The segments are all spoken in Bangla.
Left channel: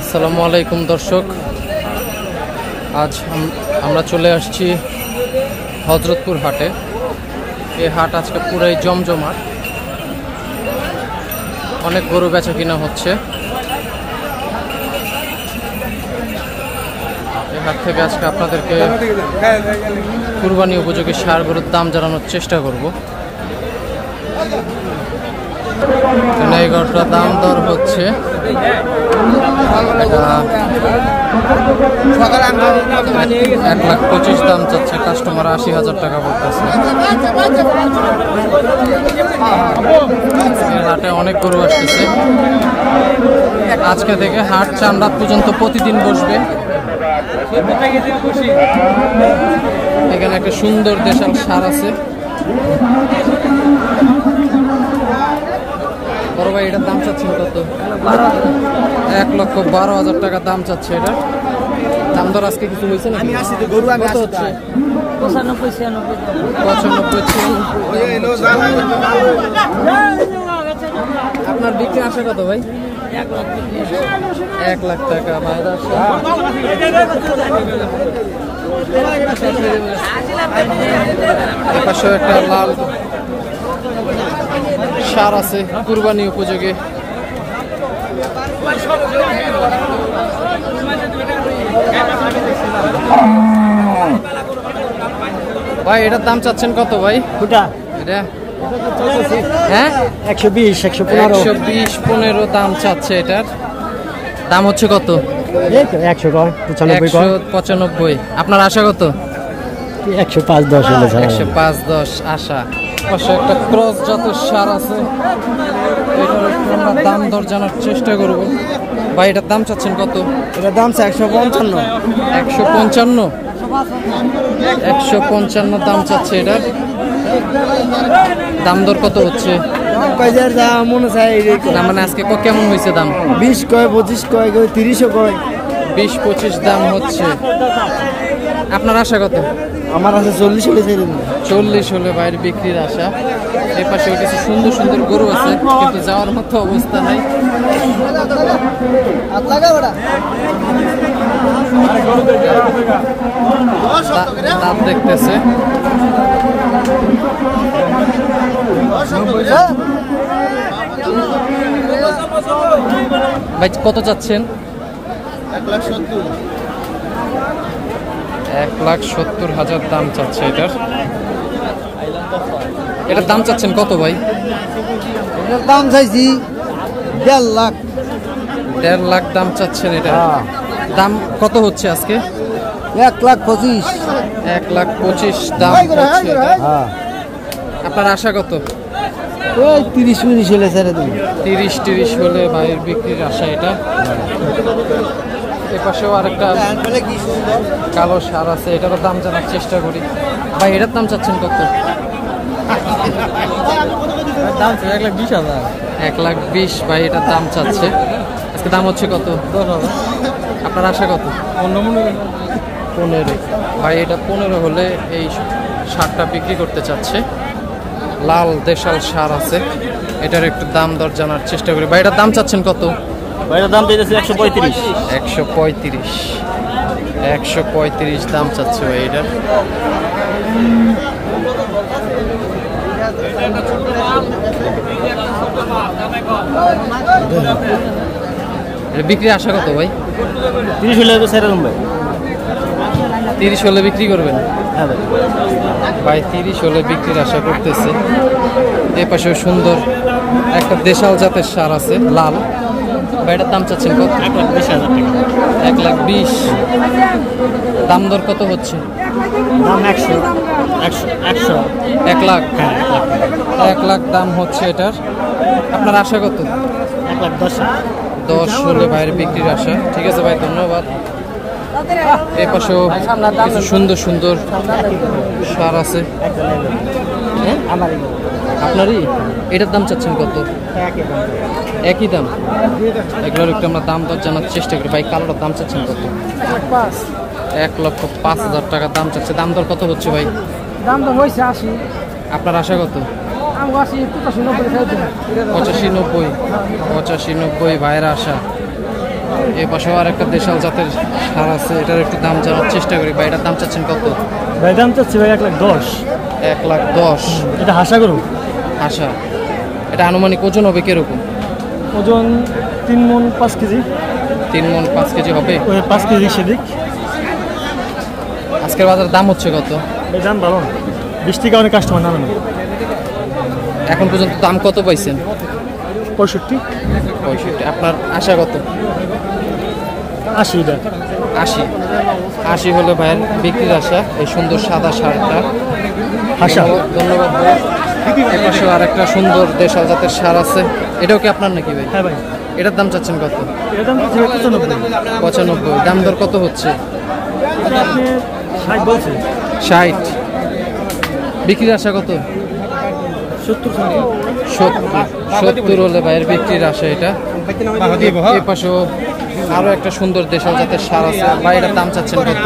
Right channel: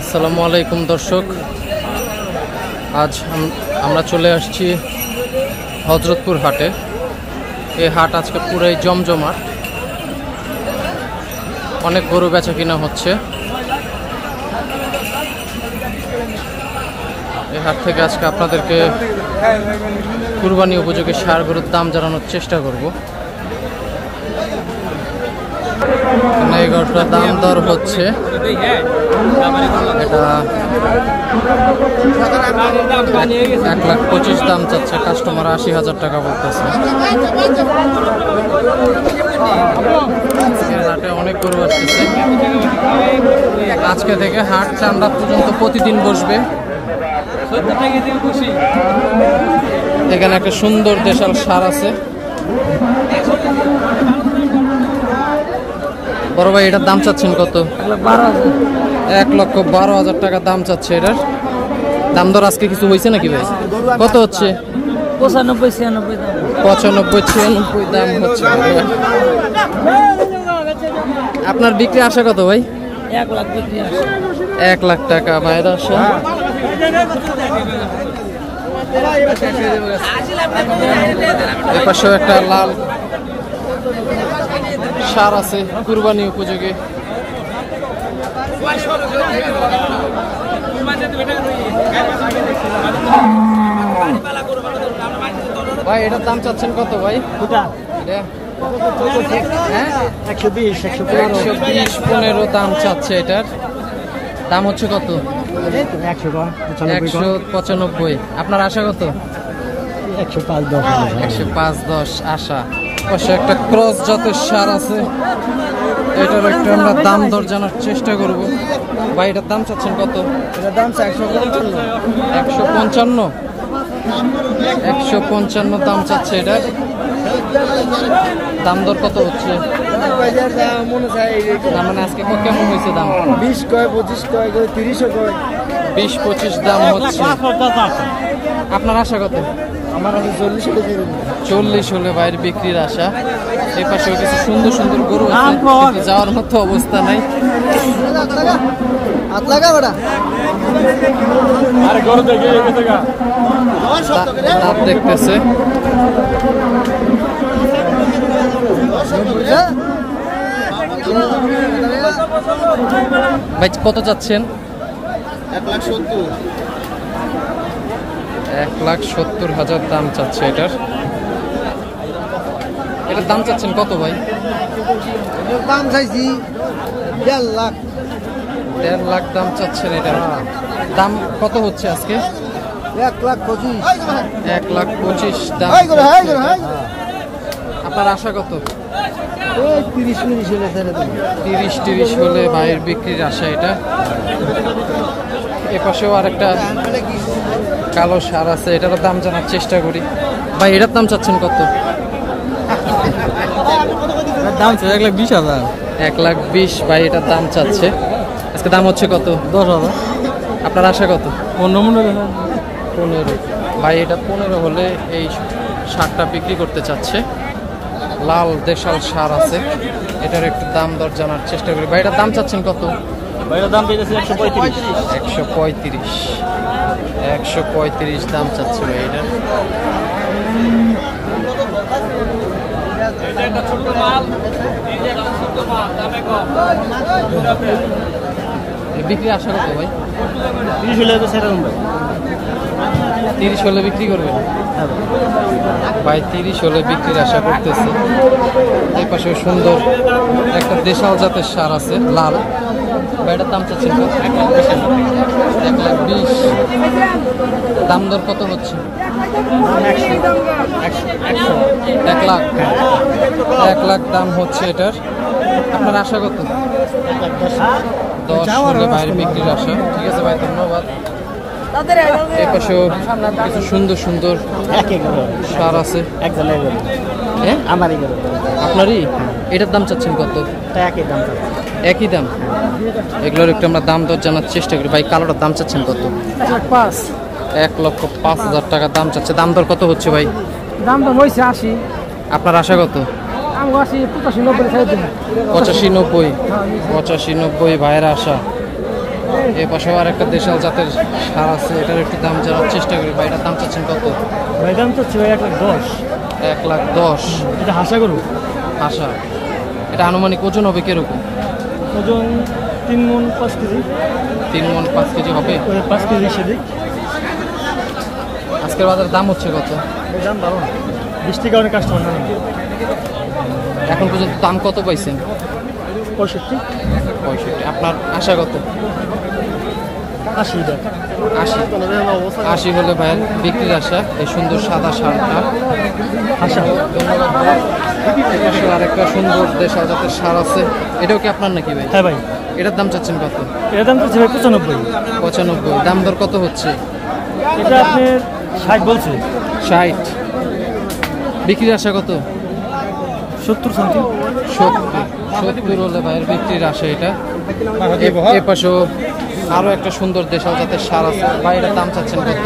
আসসালামু আলাইকুম দর্শক, আজ আমরা চলে আসছি হযরতপুর হাটে। এই হাট আজকে পুরাই জমজমাট, অনেক গরু বেচা কিনা হচ্ছে। এই হাট থেকে আজকে আপনাদেরকে কুরবানি উপযোগী ষাঁড় গরুর দাম জানানোর চেষ্টা করব। এই গরুটার দাম দর হচ্ছে, এটা 1,25,000 দাম চাচ্ছে, কাস্টমার 80,000 টাকা বলতেছে। হাটে অনেক গরু আসতেছে। আজকে থেকে হাট চান্দা পর্যন্ত প্রতিদিন বসবে। এখানে একটা সুন্দর দেশাল ষাঁড় আছে। বড় ভাই, এটার দাম চাচ্ছেন কত? 1,12,000 টাকা দাম চাচ্ছে এটার। দাম দর আজকে কিছু হয়েছে নাকি? কত হচ্ছে? 95-96 দাম হচ্ছে। আপনার বিক্রি আশা কত ভাই? 1 লাখ টাকা ভাইয়ের আশা। এপাশেও একটা লাল ষাঁড় আছে কুরবানি উপযোগী। ভাই, এটার দাম চাচ্ছেন কত ভাই? এটা হ্যাঁ 120-115 দাম চাচ্ছে। এটার দাম হচ্ছে কত? 195। আপনার আশা কত? 105-10 আশা। পাশে একটা ক্রস জাতের ষাঁড় আছে, এটার একটু আমরা দাম দর জানার চেষ্টা করব। ভাই, এটার দাম চাচ্ছেন কত? এটার দাম 155। 155 দাম চাচ্ছে এটার। দাম দর কত হচ্ছে? মানে আজকে কেমন হয়েছে দাম? 20 কয়, 25 কয়, 30 কয়, 20-25 দাম হচ্ছে। আপনার আশা কত? আমার কাছে 40 হলে ছেড়ে দিন। 40 হলে বাইরে বিক্রির আশা। এই পাশেও কিছু সুন্দর সুন্দর গরু আছে, কিন্তু যাওয়ার মতো অবস্থা নাই। দাঁত দেখতেছে। ভাই, কত চাচ্ছেন? 1,70,000 দাম চাচ্ছে এটার। এটার দাম চাচ্ছেন কত ভাই? এটার দাম চাইছি 1.5 লাখ। 1.5 লাখ দাম চাচ্ছেন এটা। দাম কত হচ্ছে আজকে? 1,25,000। 1,25,000 দাম হচ্ছে। আপনার আশা কত? 30-40 হলে ছেড়ে দিন। 30 হলে ভাইয়ের বিক্রির আশা এটা। এপাশেও আরেকটা কালো ষাঁড় আছে, এটারও দাম জানার চেষ্টা করি। ভাই, এটার দাম চাচ্ছেন কত? 1,20,000। 1,20,000 ভাই এটার দাম চাচ্ছে। আজকে দাম হচ্ছে কত? 10,000। আপনার আশা কত? 15 ভাই, এটা 15 হলে এই ষাঁড়টা বিক্রি করতে চাচ্ছে। লাল দেশাল ষাঁড় আছে, এটার একটু দাম দর জানার চেষ্টা করি। ভাই, এটার দাম চাচ্ছেন কত? এটার দাম দিতেছে 135। 135 দাম চাচ্ছে ভাই এটার। বিক্রি আশা কত ভাই? 30 হলে তো ছেড়ে দিন ভাই। 30 হলে বিক্রি করবেন ভাই? 30 হলে বিক্রির আশা করতেছে। এই পাশে সুন্দর একটা দেশাল জাতের ষাঁড় আছে লাল। ভাই, এটার দাম চাচ্ছেন কত? 1,20,000। দাম দর কত হচ্ছে? 1 লাখ দাম হচ্ছে এটার। আপনার আশা কত? 10 হলে বাইরে বিক্রির আশা। ঠিক আছে ভাই, ধন্যবাদ। এই পাশেও কিছু সুন্দর সুন্দর ষাঁড় আছে। আপনারই? এটার দাম চাচ্ছেন কত? একই দাম। এগুলোর একটু আমরা দাম দর জানার চেষ্টা করি। ভাই, কালোটার দাম চাচ্ছেন কত? 1,05,000 টাকা দাম চাচ্ছে। দাম দর কত হচ্ছে ভাই? দাম তো হয়েছে 80। আপনার আশা কত? 85, 85 ভাইয়ের আশা। এ পাশেও আর একটা দেশাল জাতের সার আছে, এটার একটু দাম জানার চেষ্টা করি। ভাই এটার দাম চাচ্ছেন কত? ভাই দাম চাচ্ছি ভাই 1,10,000। 1,10,000। এটা হাসা করুন। আশা এটা আনুমানিক ওজন হবে কিরকম? ওজন 3 মণ 5 কেজি। 3 মণ 5 কেজি হবে। 5 কেজি সেদিক। আজকের বাজারে দাম হচ্ছে কত? দাম ভালো, 20 টাকা অনেক কাস্টমার নামে। এখন পর্যন্ত দাম কত পাইছেন? 65। আপনার আশা কত? 80। 80 হলে ভাইয়ের বিক্রির আশা। এই সুন্দর সাদা সারটা আশা। ধন্যবাদ ভাই। এপাশেও আর একটা সুন্দর দেশাল জাতের সার আছে, এটাও কি আপনার নাকি ভাই? হ্যাঁ ভাই। এটার দাম চাচ্ছেন কত? এটার দাম চাচ্ছি 95। 95। দাম দর কত হচ্ছে? এটা আপনি 60 বলছে। 60। বিক্রির আশা কত? 70 সামথিং। 70 হলে ভাইয়ের বিক্রির আশা এটা। এ পাশেও আরো একটা সুন্দর দেশাল জাতের সার আছে। ভাই এটার দাম চাচ্ছেন কত?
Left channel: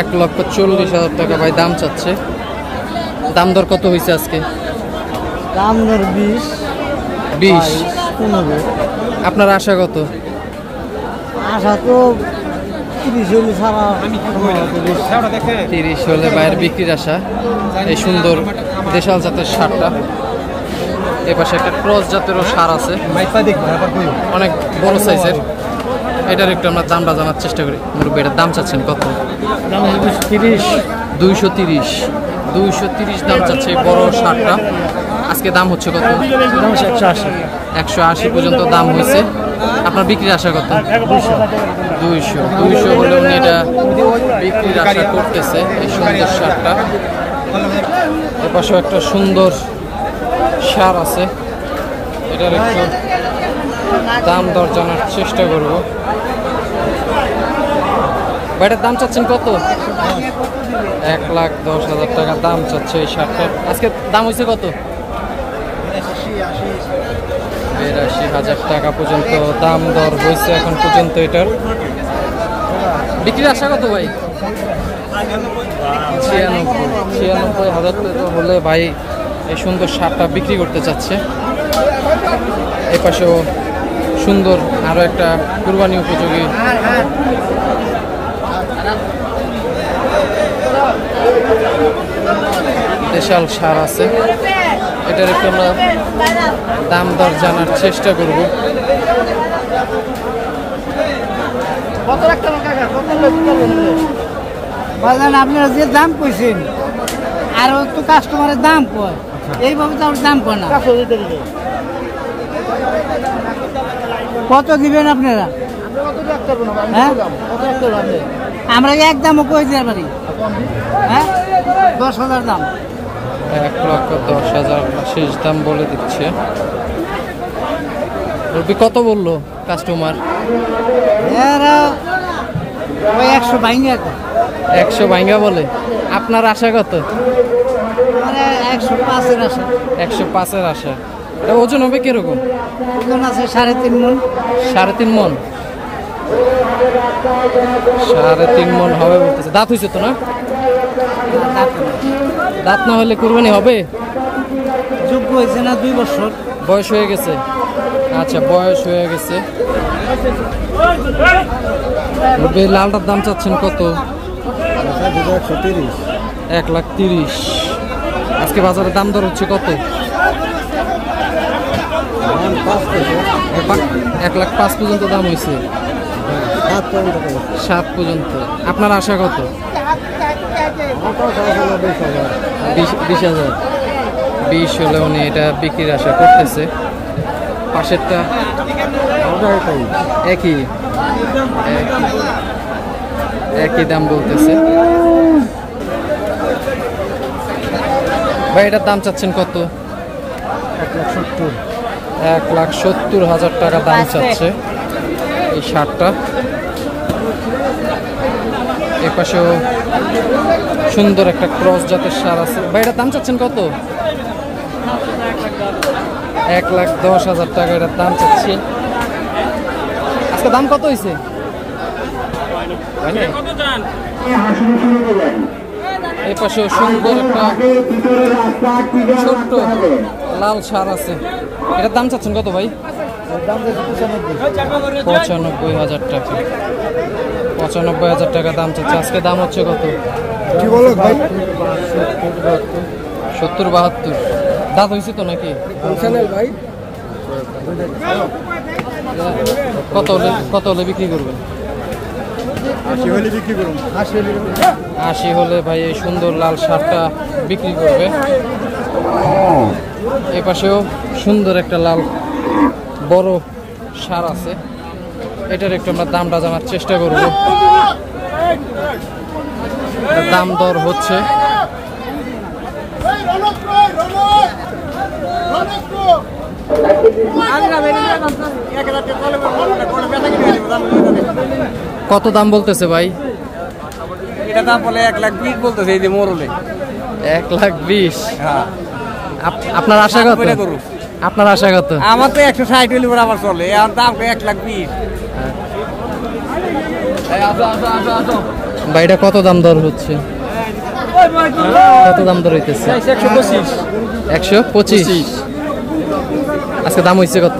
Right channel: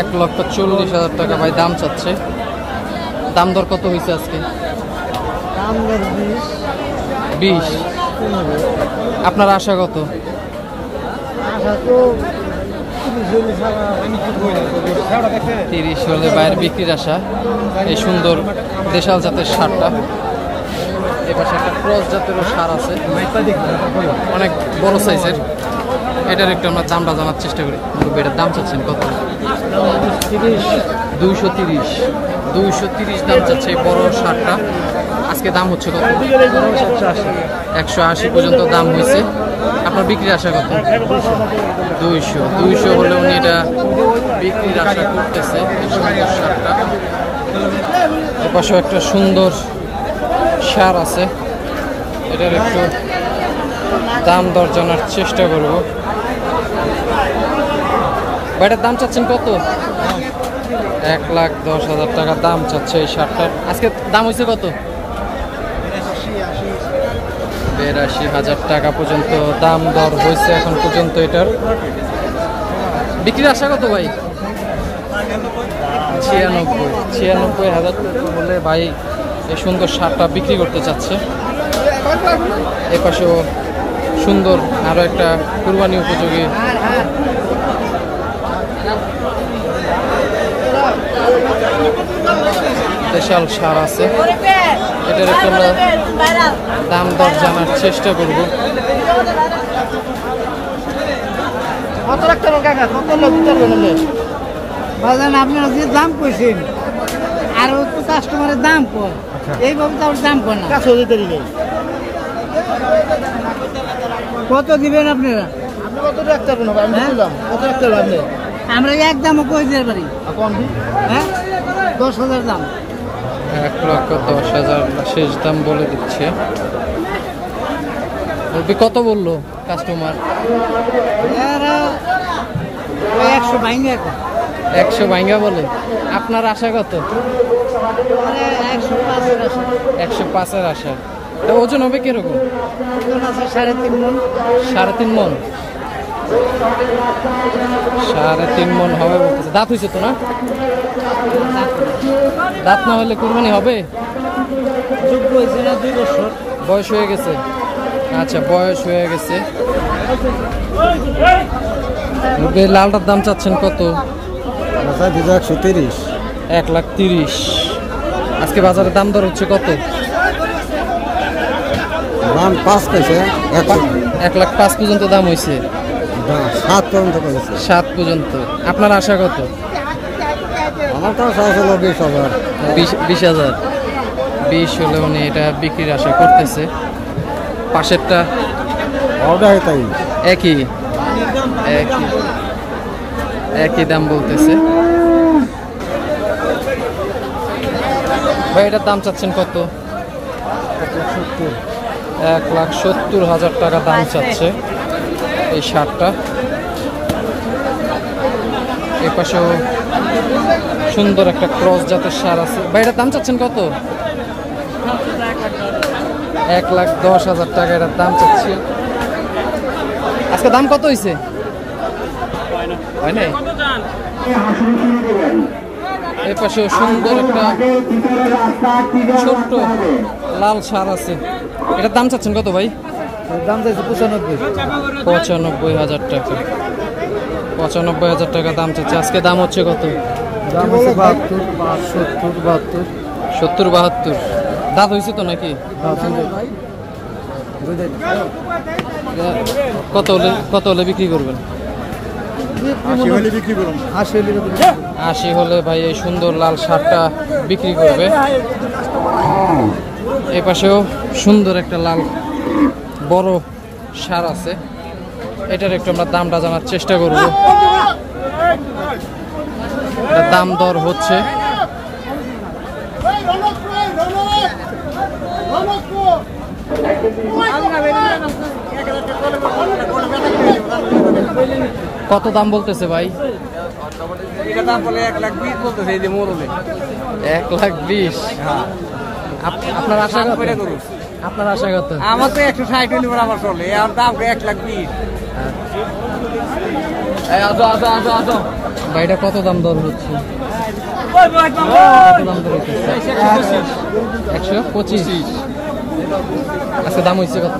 1,40,000 টাকা ভাই দাম চাচ্ছে। দাম দর কত হয়েছে আজকে? দাম 20। আপনার আশা কত? আশা তো 30 হলে ভাইয়ের বিক্রির আশা। এই সুন্দর দেশাল জাতের সারটা। এপাশে একটা ক্রস জাতেরও সার আছে, অনেক বড় সাইজের। এটার একটু আমরা দামটা জানার চেষ্টা করি। মুরব্বী এটার দাম চাচ্ছেন কত? 230। 230 দাম চাচ্ছে এই বড় সারটা। আজকে দাম হচ্ছে কত? 180 পর্যন্ত দাম হয়েছে। আপনার বিক্রির আশা কত? 200 হলে উনি এটা বিক্রির আশা করতেছে এই সুন্দর সারটা। এপাশেও একটা সুন্দর সার আছে, এটার একটু দাম দর জানার চেষ্টা করব। এটার দাম চাচ্ছেন কত? 1,10,000 টাকা দাম চাচ্ছে এই সারটার। আজকে দাম হয়েছে কত? 82,000 টাকা পর্যন্ত দাম দর হয়েছে এখন পর্যন্ত এটার। বিক্রির আশা কত ভাই? 96,000 টাকা হলে ভাই এই সুন্দর সারটা বিক্রি করতে চাচ্ছে। এপাশেও সুন্দর আরো একটা কুরবানি উপযোগী দেশাল সার আছে, এটার একটু আমরা দাম দর জানার চেষ্টা করব। বাজান আপনারা যে দাম কইছেন আর তো কাস্টমারের দাম কয়, এইভাবে তো আর দাম কয় না। কত দিবেন আপনারা? হ্যাঁ? আমরা একদমও কই দিতে পারি। হ্যাঁ, 10,000 দাম। 1,10,000 শেষ দাম বলে দিচ্ছে। কত বললো কাস্টমার? 100 ভাঙা। 100 ভাঙা বলে। আপনার আশা কত? 105-এর আশা। 105-এর আশা। এটা ওজন হবে কিরকম? ওজন আছে 3.5 মণ। 3.5 মণ। 3.5 মণ হবে বলতেছে। দাঁত হয়েছে তো না? দাঁত না হলে কুরবানি হবে? যোগ্য হয়েছে না, 2 বছর বয়স হয়ে গেছে। আচ্ছা, বয়স হয়ে গেছে। লালটার দাম চাচ্ছেন কত? 130। 1,30,000। আজকে বাজারে দাম দর হচ্ছে কত? 1,05,000 পর্যন্ত দাম হয়েছে। 7 পর্যন্ত। আপনার আশা কত? 20,000। 20 হলে উনি এটা বিক্রির আশা করতেছে। পাশেরটা একই দাম বলতেছে। ভাই এটার দাম চাচ্ছেন কত? 1,70,000 টাকা দাম চাচ্ছে এই শার্টটা। এই পাশেও সুন্দর একটা ক্রস জাতের সার আছে। ভাই এটার দাম চাচ্ছেন কত? 1,10,000 টাকা এটার দাম চাচ্ছি। আজকে দাম কত হয়েছে? এই পাশেও সুন্দর একটা ছোট্ট লাল ষাঁড় আছে। এটার দাম চাচ্ছেন কত ভাই? দাম চাইছি 95,000 টাকা। 95,000 টাকা দাম চাচ্ছে। আজকে দাম হচ্ছে কত? 70-72 দাঁত হয়েছে তো নাকি? কত হলে বিক্রি করবেন? 80 হলে ভাই এই সুন্দর লাল ষাঁড়টা বিক্রি করবে। এই পাশেও সুন্দর একটা লাল বড় ষাঁড় আছে। এটার একটু আমরা দামটা জানার চেষ্টা করব। দাম দর হচ্ছে। কত দাম বলতেছে ভাই? এটা দাম বলে 1,20,000 বলতেছে এই যে মোরলে। 1,20,000। আপনার আশা কত? আপনার আশা কত? আমার তো 160 হলে আবার চলে, আর দাম 1,20,000। ভাই এটা কত দাম দর হচ্ছে? কত দাম দর হইতেছে? 125। আজকে দাম হয়েছে কত?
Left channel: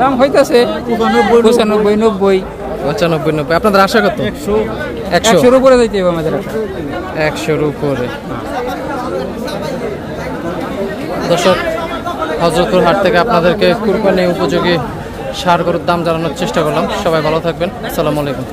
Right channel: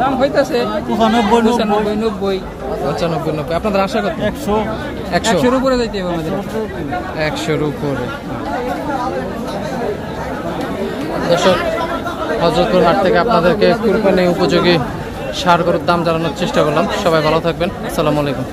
দাম হইতেছে 95-90। আপনাদের আশা কত? 100-100 উপরে যাইতে হবে আমাদের। 100-র উপরে। দর্শক, হযরতপুর হাট থেকে আপনাদেরকে কুরবানি উপযোগী ষাঁড় গরুর দাম জানানোর চেষ্টা করলাম। সবাই ভালো থাকবেন। আসসালামু আলাইকুম।